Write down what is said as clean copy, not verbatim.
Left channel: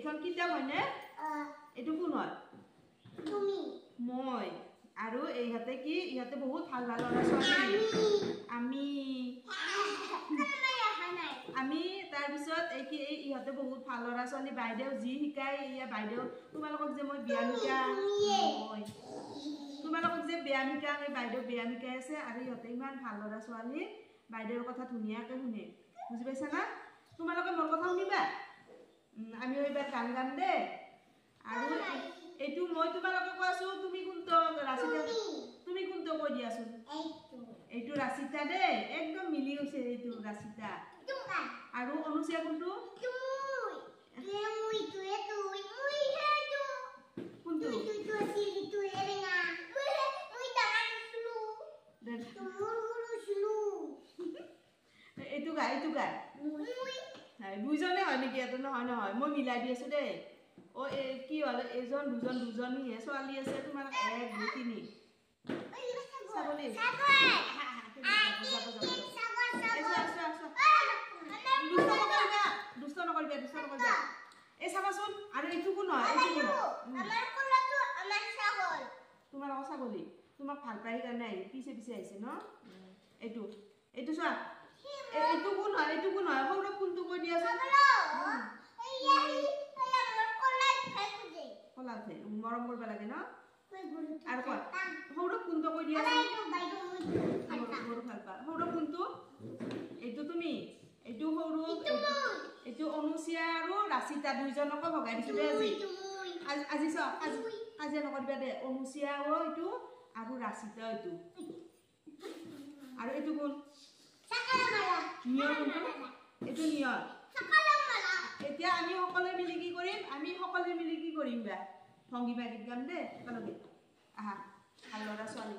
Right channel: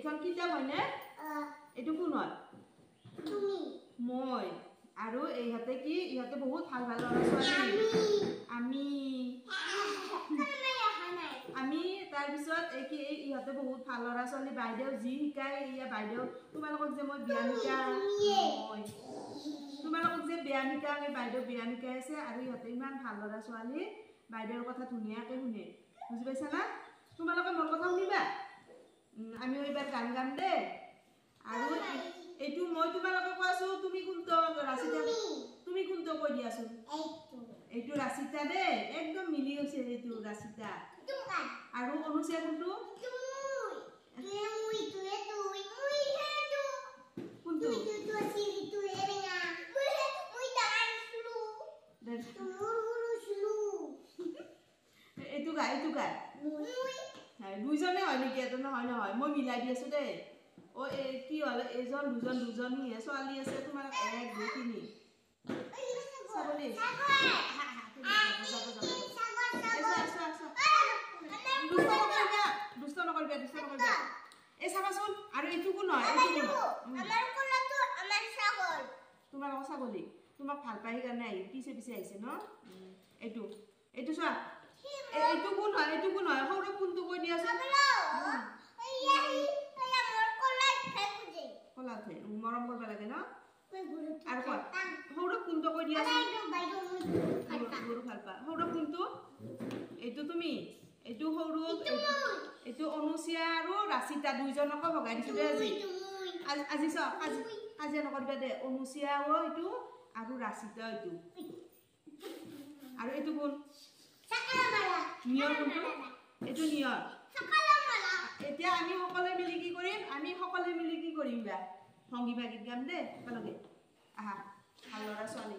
এইখন কিতাপ হয়নে এইটো কোন হয় তুমি মই আৰু এইহাতে কি ইহাতে বহুত ভাল ভাল ল'ৰা ছোৱালী আমি আমি তাৰ পিছত এই কি ইহাতে বহুত ভাল ল'ৰা ছোৱালী বাইদেউ যি শিকাই ইয়া বাইদেউ তোমালোকক যে মই ব্যায়াম শিকাই মই তোমালোকক যে ব্যায়াম শিকাই আমি বাইদেউ ব্যায়াম শিকাই আছে আৰু ইহাতে ইমান ভাল ল'ৰা ছোৱালী বাইদেউৰ কথা ধুনীয়াকৈ শুনে বুজি পাইছা না তোমালোকে মোৰ কথা শুনিবা আমি এইবাৰ গান গাম দে আৰু এইটো মই তোমালোকে কোৱাছো তুমি কোনটো ৰাচিতা তুমি কোনটো কৈ দিয়াছো এইটো ৰাচিতা দে একদম মিলি গৈছে এইটো ৰাচিতা আৰু অনুচিয়া কোনটো এইটো গাই দুইজনে হয় নেকি এটো নহয় নহয় মই মিলাই দি আছো দেই ও কি হল এজন দুজন দুজনী ছোৱালী আছে তোমাৰ 1 2 3 ছাগলী দুষ্ট নকৰিবা এই চাবাচোন আৰু এইটো কোন হয় এইটো কোন তোমাৰ ছাগলী তোমাক ভাল পাই কাৰণে আহি পিছে পিছে আহিছে ন এইটো এইটো চোৱা এইটো কোন হয় সৌৰভ কোনটো কৈ দিয়া আছে কলাতে মৰম কৰিব লাগে ন আৰু কোৱা সৌৰভ কোনটো কৈ দিয়া আছে গৰু ভাল পা সৌৰভ কোনটো এইটো তুমি এইটো সৌৰভ এইটো অনুচিয়া আৰু ৰাচিতা দুইজনক ভগাই দিছো দে আজি চাওক আজি নকৰিবা দে অনুচিয়া এইটো আৰু ৰাচিতা এইটো আৰু এইটো কোন নিয়ৰ কোনটো এইটো নিয়ৰ এতিয়া আমি সকলোৱে মিলি কি কৰিম বা ভংগীমা গীত গাম দে একেলগে আহা ভাল ল'ৰা ছোৱালী